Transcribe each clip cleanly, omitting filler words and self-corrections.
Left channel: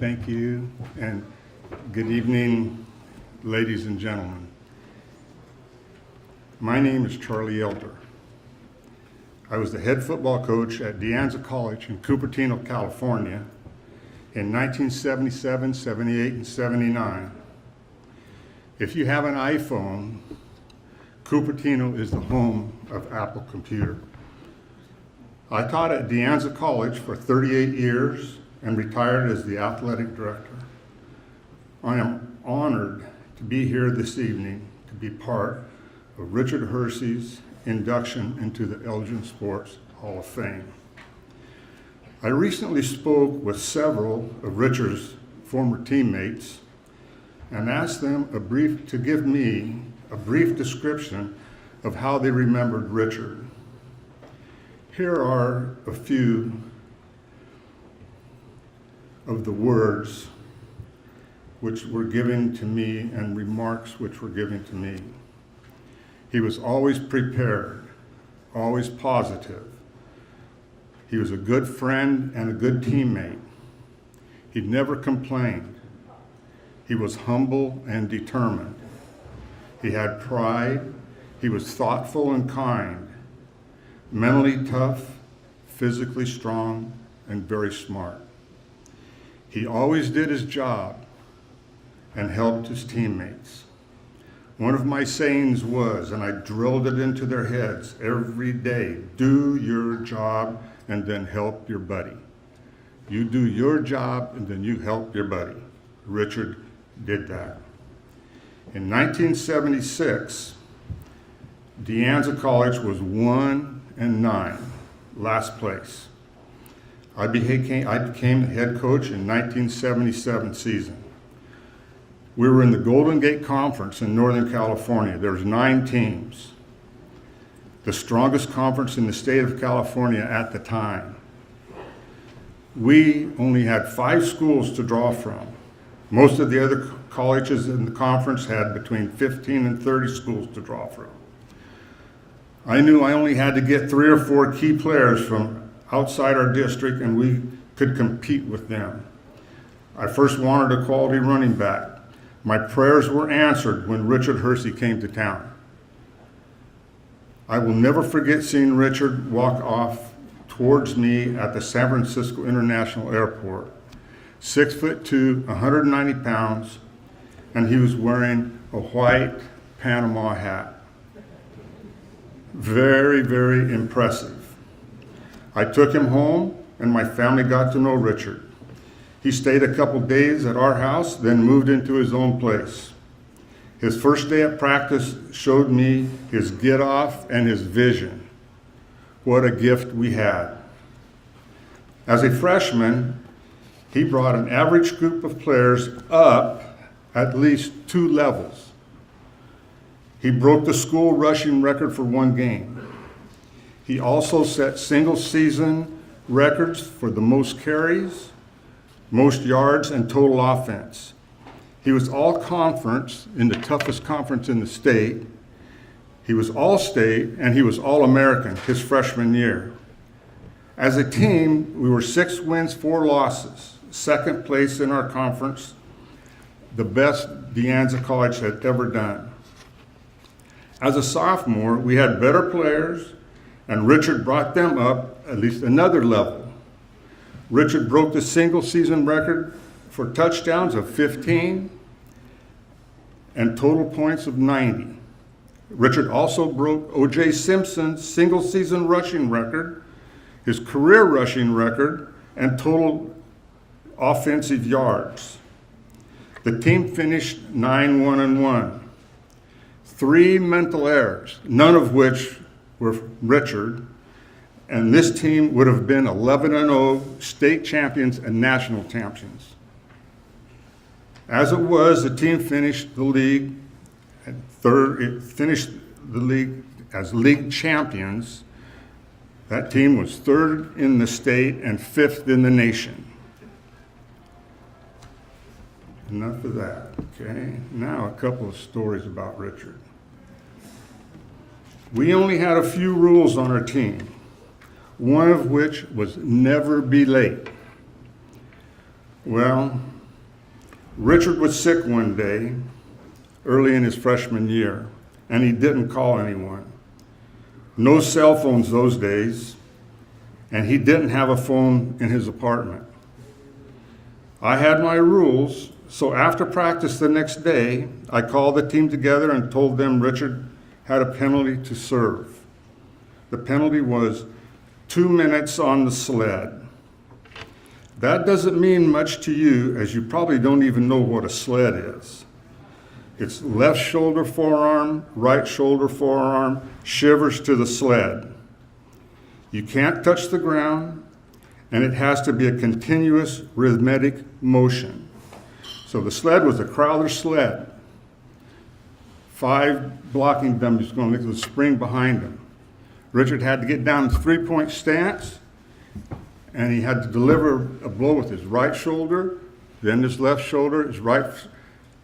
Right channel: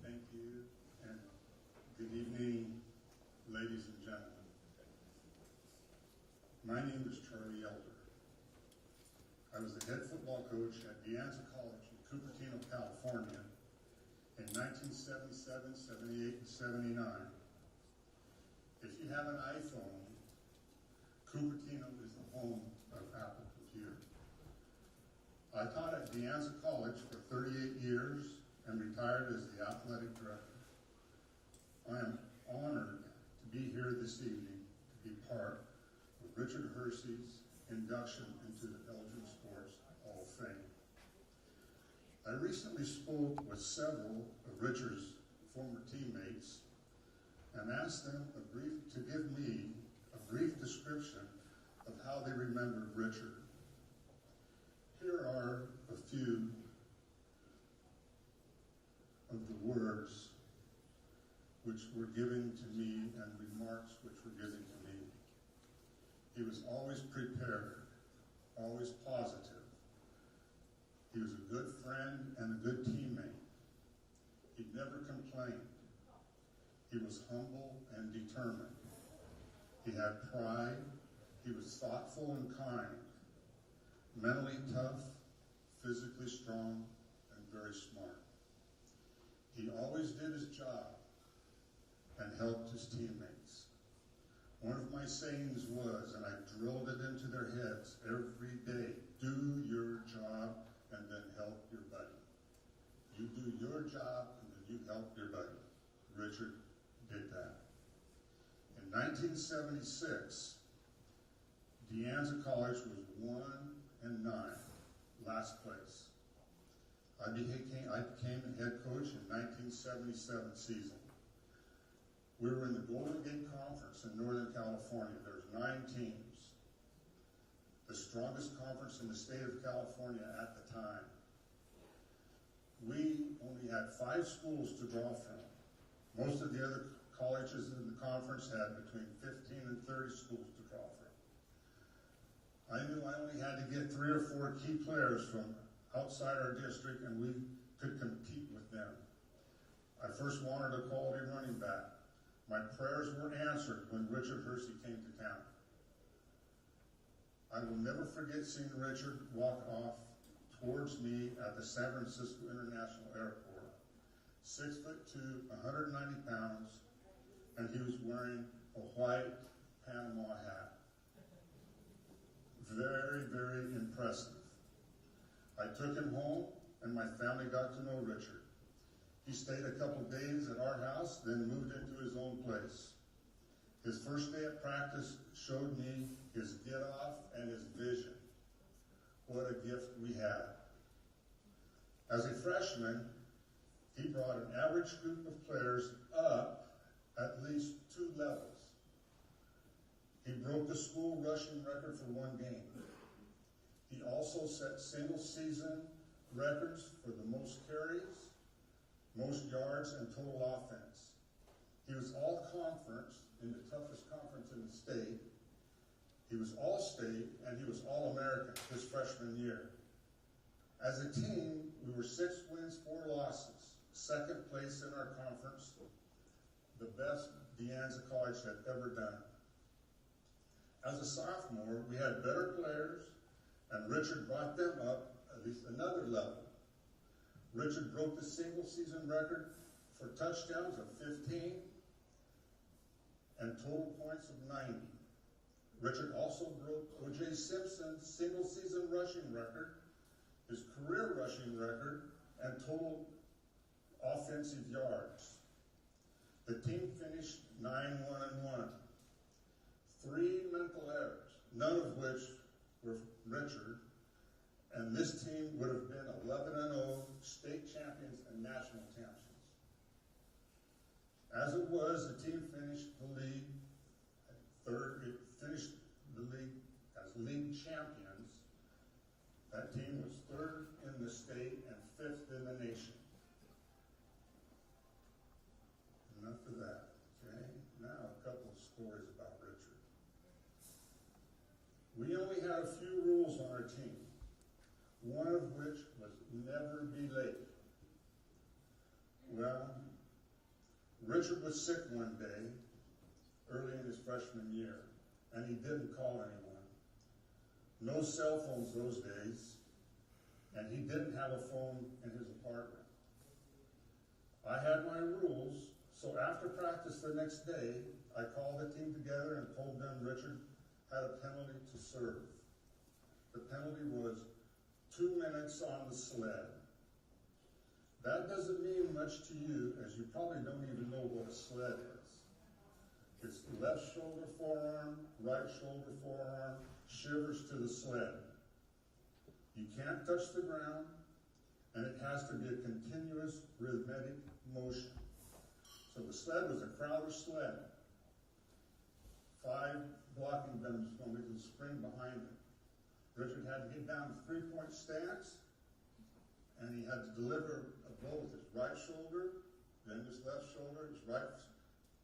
Thank you, and good evening, ladies and gentlemen. My name is Charlie Elder. I was the head football coach at De Anza College in Cupertino, California in 1977, 78, and 79. If you have an iPhone, Cupertino is the home of Apple Computer. I taught at De Anza College for 38 years and retired as the athletic director. I am honored to be here this evening to be part of Richard Hersey's induction into the Elgin Sports Hall of Fame. I recently spoke with several of Richard's former teammates and asked them to give me a brief description of how they remembered Richard. Here are a few of the words which were given to me and remarks which were given to me. He was always prepared, always positive. He was a good friend and a good teammate. He never complained. He was humble and determined. He had pride. He was thoughtful and kind, mentally tough, physically strong, and very smart. He always did his job and helped his teammates. One of my sayings was, and I drilled it into their heads every day, do your job and then help your buddy. You do your job and then you help your buddy. Richard did that. In 1976, De Anza College was 1-9, last place. I became the head coach in 1977 season. We were in the Golden Gate Conference in Northern California. There was 9 teams, the strongest conference in the state of California at the time. We only had 5 schools to draw from. Most of the other colleges in the conference had between 15 and 30 schools to draw from. I knew I only had to get 3 or 4 key players from outside our district and we could compete with them. I first wanted a quality running back. My prayers were answered when Richard Hersey came to town. I will never forget seeing Richard walk off towards me at the San Francisco International Airport. 6'2", 190 pounds, and he was wearing a white Panama hat. Very, very impressive. I took him home and my family got to know Richard. He stayed a couple days at our house, then moved into his own place. His first day at practice showed me his get off and his vision. What a gift we had. As a freshman, he brought an average group of players up at least 2 levels. He broke the school rushing record for 1 game. He also set single season records for the most carries, most yards, and total offense. He was all conference in the toughest conference in the state. He was all state and he was all American his freshman year. As a team, we were 6 wins, 4 losses, 2nd place in our conference, the best De Anza College had ever done. As a sophomore, we had better players, and Richard brought them up at least another level. Richard broke the single season record for touchdowns of 15 and total points of 90. Richard also broke O.J. Simpson's single season rushing record, his career rushing record, and total offensive yards. The team finished 9-1-1. 3 mental errors, none of which were Richard, and this team would have been 11-0 state champions and national champions. As it was, the team finished the league at third. It finished the league as league champions. That team was 3rd in the state and 5th in the nation. Enough of that, okay? Now a couple of stories about Richard. We only had a few rules on our team, one of which was never be late. Well, Richard was sick one day, early in his freshman year, and he didn't call anyone. No cell phones those days, and he didn't have a phone in his apartment. I had my rules, so after practice the next day, I called the team together and told them Richard had a penalty to serve. The penalty was 2 minutes on the sled. That doesn't mean much to you, as you probably don't even know what a sled is. It's left shoulder, forearm, right shoulder, forearm, shivers to the sled. You can't touch the ground, and it has to be a continuous rhythmic motion. So the sled was a Crowther sled. 5 blocking dummies going to the spring behind him. Richard had to get down in 3-point stance, and he had to deliver a blow with his right shoulder, then his left shoulder, his right,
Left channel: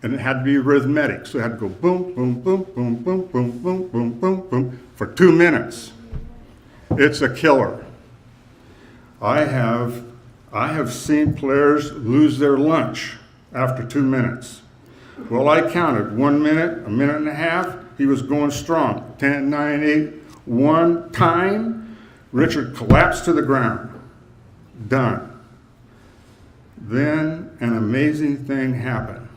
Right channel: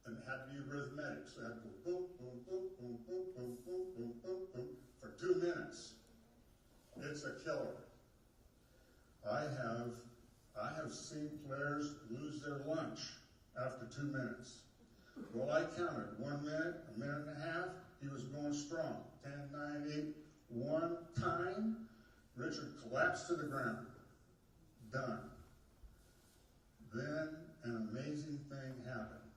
and it had to be rhythmic. So it had to go boom, boom, boom, boom, boom, boom, boom, boom, boom, boom, for 2 minutes. It's a killer. I have seen players lose their lunch after 2 minutes. Well, I counted 1 minute, a minute and a half. He was going strong. 10, 9, 8, 1 time. Richard collapsed to the ground. Done. Then an amazing thing happened.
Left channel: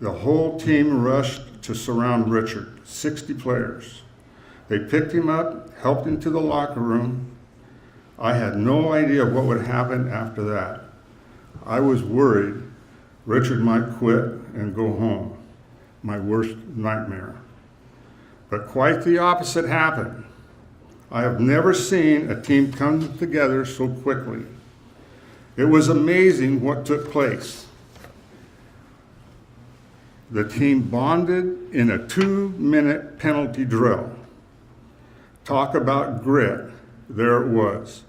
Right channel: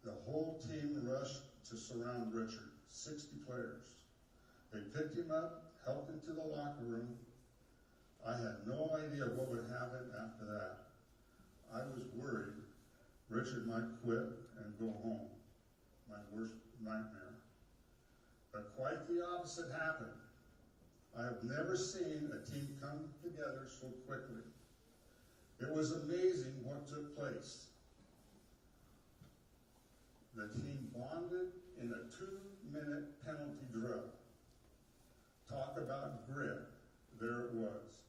The whole team rushed to surround Richard, 60 players. They picked him up, helped him to the locker room. I had no idea what would happen after that. I was worried Richard might quit and go home, my worst nightmare. But quite the opposite happened. I have never seen a team come together so quickly. It was amazing what took place. The team bonded in a 2-minute penalty drill. Talk about grit, there it was.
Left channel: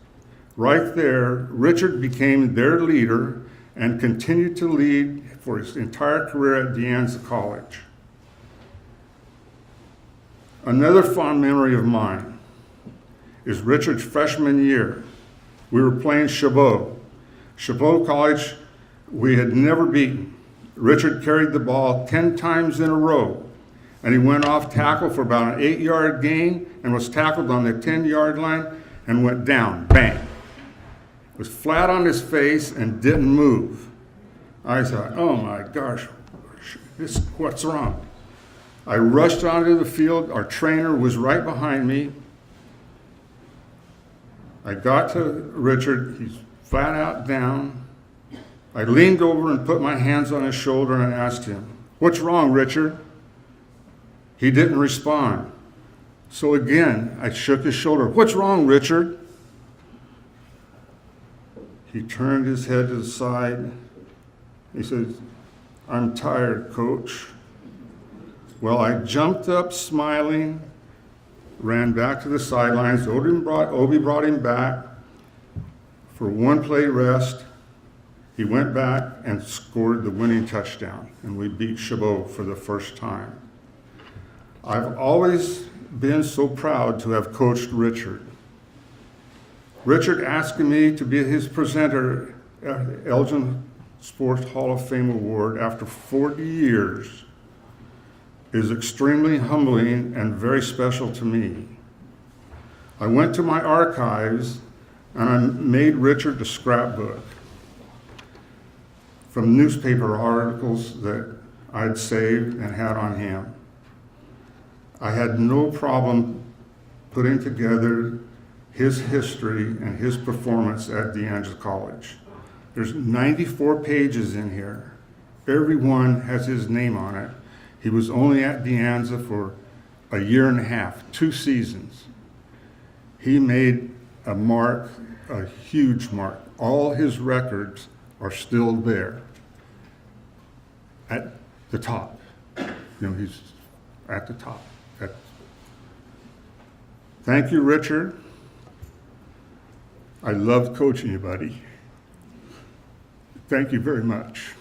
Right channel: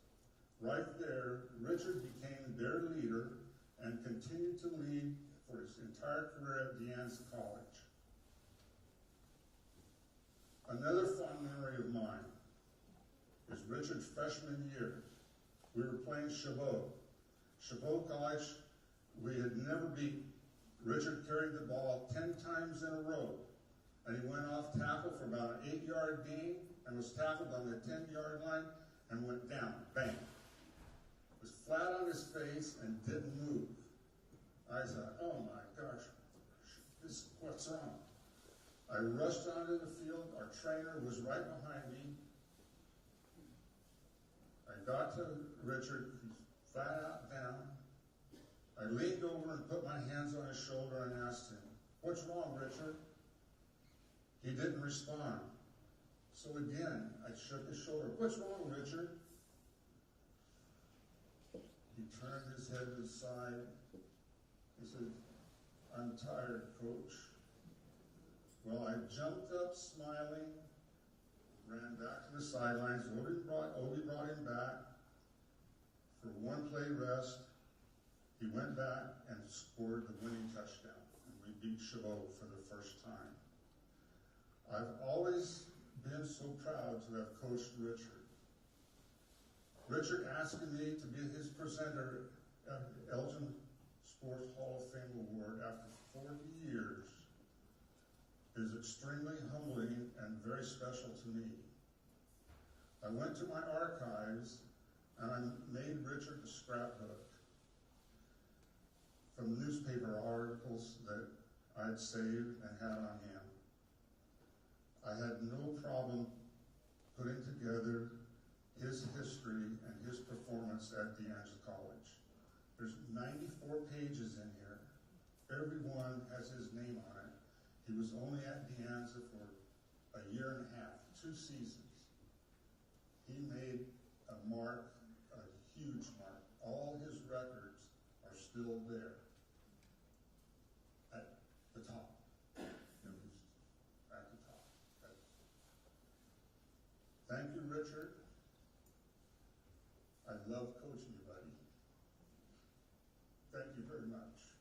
Right there, Richard became their leader and continued to lead for his entire career at De Anza College. Another fond memory of mine is Richard's freshman year. We were playing Chabot. Chabot College, we had never beaten. Richard carried the ball 10 times in a row, and he went off tackle for about an 8-yard gain and was tackled on the 10-yard line and went down, bang. Was flat on his face and didn't move. I thought, oh my gosh, what's wrong? I rushed onto the field. Our trainer was right behind me. I got to Richard. He's flat out down. I leaned over and put my hands on his shoulder and asked him, what's wrong, Richard? He didn't respond. So again, I shook his shoulder. What's wrong, Richard? He turned his head to the side. He said, I'm tired, Coach. Well, I jumped up smiling, ran back to the sidelines. Obi brought him back for 1 play rest. He went back and scored the winning touchdown, and we beat Chabot for the first time. I've always been so proud to have coached Richard. Richard asking me to be his presenter at the Elgin Sports Hall of Fame Award after 40 years is extremely humbling and very special to me. I went to my archives and I made Richard a scrapbook from newspaper articles that I'd saved and had on him. I had no problem putting together his history and his performance at De Anza College. There's 94 pages in here. Every one has his name on it. He was only at De Anza for a year and a half, 2 seasons. He made a mark, a huge mark. All his records are still there at the top. He's at the top. Thank you, Richard. I loved coaching you, buddy. Thank you very much.